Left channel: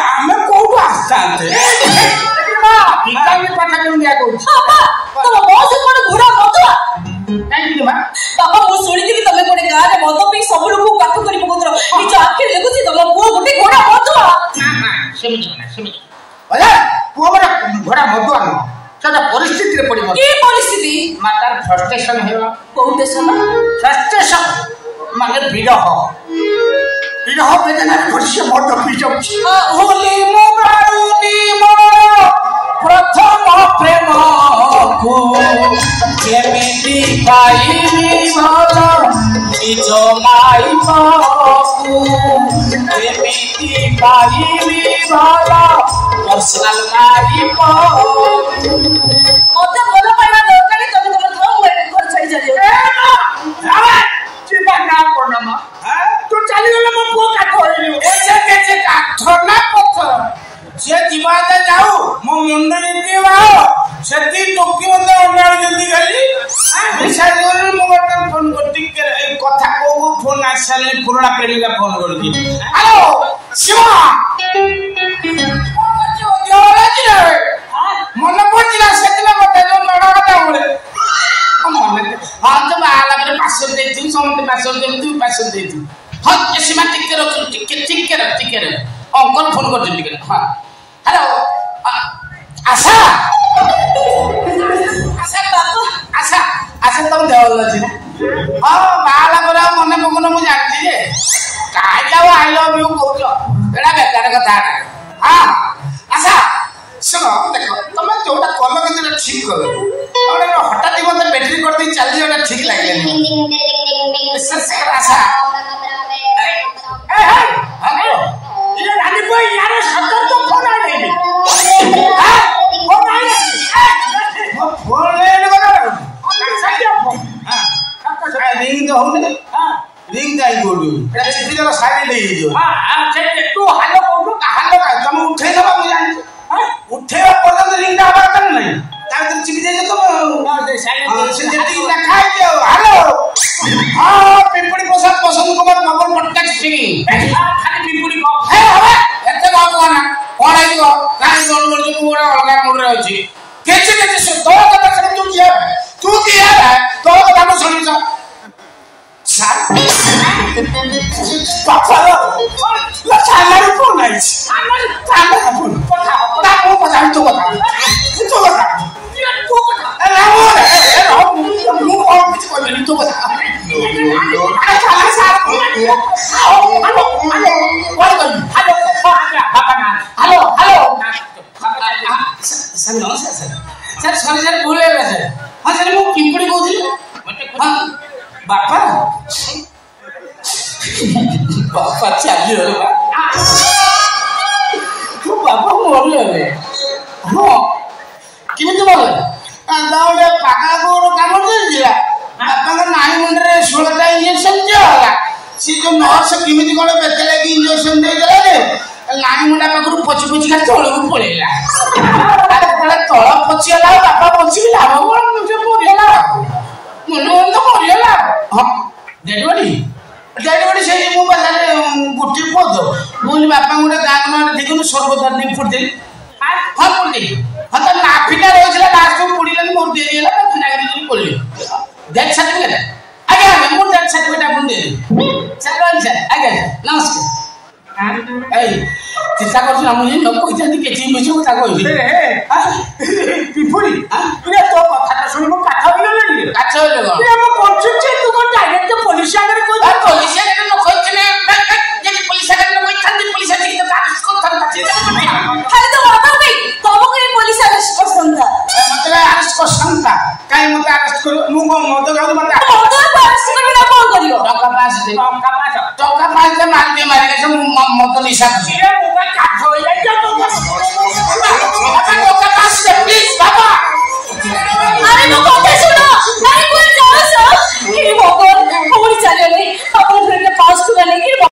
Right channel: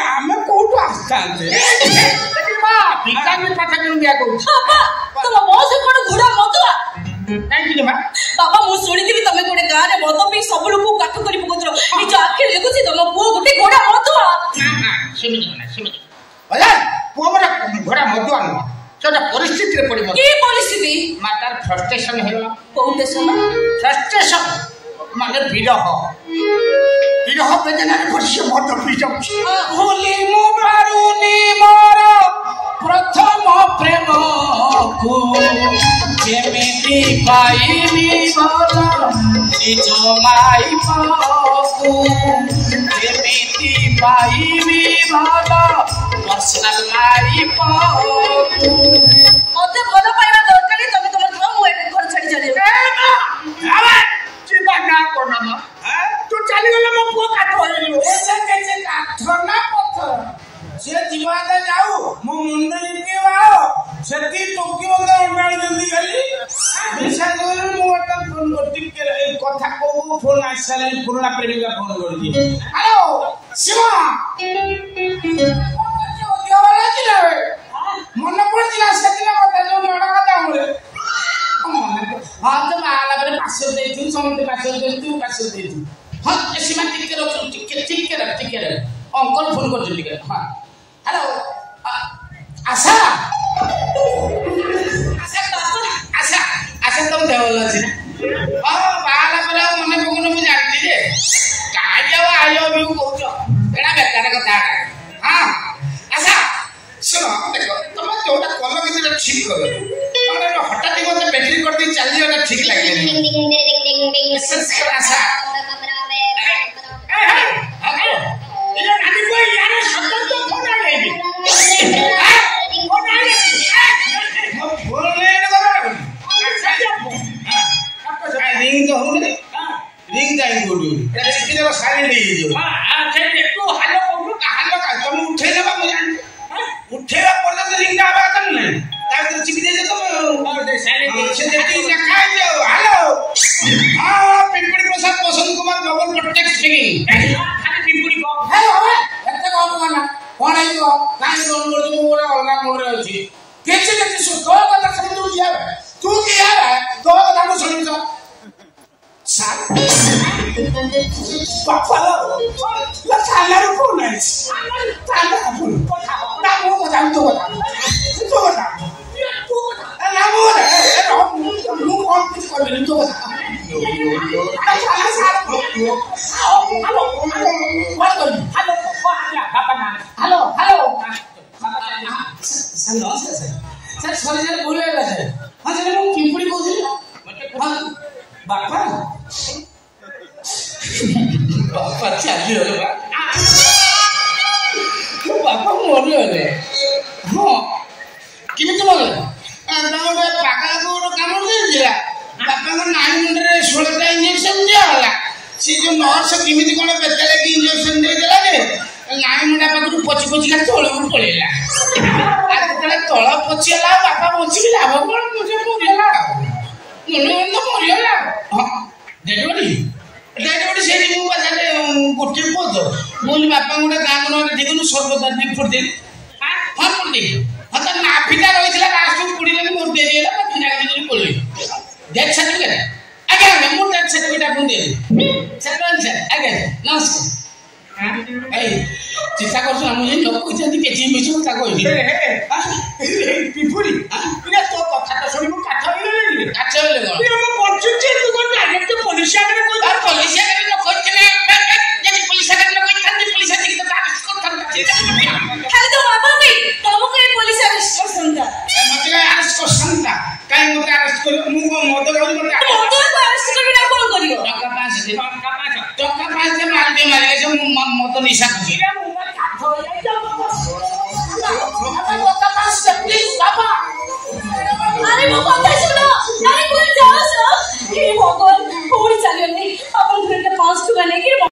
ଆମେ କୋଉଠୁ ଆସିଥାନ୍ତେ ଭିଟାମିନ କଥା କେମିତି ଦିଆ କହୁଛି ତମ ବସ କଣ ଘୋଡ଼ା ମଦୁଆ କାହିଁକି ମା ବାବା ମୁଁ ଶୁଣିଥିଲି ତମେ ଗୋଟେ ଗାଁରେ ମଦ ପିଇ ସବୁ ଲୋକଙ୍କୁ କାଠ କରି ପକଉଥିଲ ନିଜ ଆଖିରେ ଦେଖୁଛି ତମ ପୁଅ ଗୋଟେ ଘୋଡ଼ା ମଦୁଆ ସେମିତି ପୁଅ ଗୋଟେ ଘୋଡ଼ା ମଦୁଆ ନୁହଁ ସେଟା ପରିସ୍ଥିତିରେ ପଡିବ କି ପରିସ୍ଥିତି ମା ତାର ଫ୍ରଷ୍ଟ୍ରେସନ ହେବ କୋଉ ଷ୍ଟେସନ ଫ୍ରଷ୍ଟ୍ରେସନ ମାନେ ବିରହ ବେଦନାରେ ଭର୍ଷ ମଦ ପିଯାଉଛି ହୋଲି ମୁଁ ପାରୁନି ମୋର ପ୍ରଥମ ପ୍ରେମକୁ କେମିତି ପାଇବି ଭଲ ନିଜ ମାଇପକୁ କେମିତି ପାଇବି ଭଲ ପର୍ସନାଲ ମାଇପକୁ ମତେ ଭଲ ପାଇବା ଦରକାର ତମେ ତମର ଥାଅ ମୁଁ ଏବେ ଘର ଛାଡ଼ି ଚାଲିଯାଉଛି ଯିବା ନା କଣ ମା ତୁ ଚାଲିଗଲେ ମୋ ପୁଅ କାଠ ହେଇଯିବ ସେ କାଠ ନା ପଥର ସେ ଯିବା ଯାଉ ମୋ ମୁଣ୍ଡ ଯେମିତି ବାହ ସେଠି ଟୋକି ମତେ ଅଣ୍ଡାଳୁ ଯେମିତି ଗଲି ବିଶ୍ୱାସ କରିବି ମୁଁ ଗୋଟେ ଫୋନ କରିଛି ଏଇ କଥା କୋଉ ଫୋନ ଆସି ସାରିଲାଣି ପୁରୁଣା ପିଢିକା ଫୋନ କରୁଛି ହ୍ୟାଲୋ ଶିବ ମନେ ପଡୁଛି ନା ସେଦିନ ମତେ ଯୋଉ ନଡ କଥା ବୋଲେ ହଁ ତ ବାହାଘରରେ ପାର୍ସଲ ଦେଇଥିବୁ ସମସ୍ତେ ପାର୍ସଲ ଦେଇଥିବୁ ପାର୍ସଲ ଦେଇଥିବୁ ହଁ ସୀମା ଟିକେ ରଖ ଟିକେ ଅଙ୍କଲ ଫୋନ କରୁଛନ୍ତି ଟିକେ ହଁ ହ୍ୟାଲୋ ଆଶା ତମ ଦେହ ଭଲ ଅଛି ହଁ ବାହାଘର ଆଉ ମନେ ପକଉନ ମୁଁ ଜାଣିଛି ଯେ କାହିଁକି ଆଉ ଆଇ ଲଭ୍ ୟୁ କହୁଛ ଏଇଟା ବେକାର କଥା ହଁ ଆଶା ଶୁଣ ଦେଖ ତମେ ଯୋଉଟା କଲ କିନ୍ତୁ ଠିକ କଲ ହଠାତ୍ ମତେ ବ୍ୟାଟେରୀ କରିଦେଇ ଚାଲିଯିବାଟା ଠିକ ଲାଗିଲାନି ଆଶା ଉଠେଇବା ପର୍ଯ୍ୟନ୍ତ ରିଙ୍ଗଟା ହବା ଦରକାର ନାହିଁ ତା ଭିତରେ ଚିପି ଦେଇଛ ପିମ୍ପୁଡି ପ୍ରସାଦ ବସନ୍ତ କୁମାର ନବର ପଟ୍ଟନାୟକ ସ୍ପିକିଂ ଖାଲି ପିମ୍ପୁଡି ଏତେ କହନା କଣ ହେଇଯିବ କାହିଁ ଫୋନ କରୁଛୁ ମୁଁ ଗୋଟେ ଅଲଗା ମୁଣ୍ଡରେ ଅଛି କିଛି ତୋ କଥା ଶୁଣି ତୁ କି ହେବା ତୋ କଥା ମୁଁ ଶୁଣିଛ ଚାଲାରୁ ଫୋନ ଆଇଛି ମୁଁ କଥା ତୋ କଥା ମୁଁ କଣ କିଛି କହିବିନି ତୋ କଥା ସାର୍ ସରି ସାର୍ ଭୁଲ ହେଇଗଲା ସାର୍ ହଁ ସାର୍ ମୁଁ ପିମ୍ପୁଡି କହୁଥିଲି ବାପା ଚାଲିଗଲେ ମୋ ବାପା ମରିଗଲେ ହଁ କେମିତି ମରିଲେ ଗୋଟେ ପାଖାକୁ ଗୋଟେ କାମ ଚାଲିଥିଲା ବାପାଙ୍କ ନାଇଁ ମୁଣ୍ଡରେ 16ଟା ଇଞ୍ଜେକ୍ସନ ଦିଆଗଲା ସେ ଯୋଉ ନର୍ସ କେମିତି କଣ ବେତେଳେ ଇଞ୍ଜେକ୍ସନ ଦେଇଦେଲା ଯେ ନାଇଁ ମୁଣ୍ଡା ପାଖରୁ ପଚି ପଚିକା ତଳକୁ ପଳେଇଲା ଯେତେବେଳେ ତଳ ପଚିଗଲା ବାପା ପଚିକି ଲାଭ କଣ ମରିଗଲା ମନେ ମରିଗଲା ହଁ ଡେଡବଡି ସେଇଠି ମୁଁ ଗୋଟିଏ ପଦ ମୁଁ ବାପା ଗୋଟେ ଗାଁ ନହେଲେ ଦେଖୁନୁ ସର୍ବଦାର ଦେଇ ଫୁଟ ଦେଇ ହଁ ଫୁଟ ଦେଇ ହଁ ତ ନାଫିଟା ରହିଥିଲା ଲାଷ୍ଟକୁ ପଡ଼ିଲାନି ମୋର ଦେଇଦେଲା କିଣାକିଣି କରି ପଳେଇଲି ଡେଥ୍ ସାର୍ଟିଫିକେଟ୍ ଆଜ୍ଞା ମୁଁ ଡେଥ୍ ସାର୍ଟିଫିକେଟ୍ ଆପଣଙ୍କୁ ଦେଇଦେବି ସାର୍ ରହିଲି ସାର୍ ଆଜ୍ଞା ନମସ୍କାର ଏଇ ଚିନ୍ତା କରୁଛୁ ଆମ ଯେ ଲୋକ କହିଛନ୍ତି କିଛି ମିଛ କଥା କହିଛି ପିମ୍ପୁଡି ତୋ କଥାଟା ଶୁଣି ମୁଁ କାଠ ହେଇଗଲାଣି କାଠ ହେଇଗଲା ମୁଁ ପଞ୍ଚୁଛି ତୁ କଣ ଡାଇରେକ୍ଟ ପୋଲିସ ଆଗରେ କହିଛୁ ପୋଲିସ ଆଗରେ ନ କହିଥିଲେ ଯଦି ପୋଲିସ ଆଗରେ କହିଥାନ୍ତି ପୋଲିସ ଆଗରେ ଆରେଷ୍ଟ କରିଥାନ୍ତି ଖାଲି ତ ବାବା ଭାଇ ତମକୁ ଏ ପୋଲିସ ଆରେଷ୍ଟ କରିସନ୍ତା ମତେ ଆରେଷ୍ଟ କରିସନ୍ତା କାହିଁ ମତେ ଆରେଷ୍ଟ କରିବ ମୁଁ କଣ ମଦ ଖାଉଛି ମତେ ଆରେଷ୍ଟ କରିବି ନା କଣ କରିବ ଟଙ୍କା ପାଞ୍ଚ ମାରିକେ ମୁଁ ମଦ ନିଶା ଖୁସି କାଠ ହେଇଯାଇଛି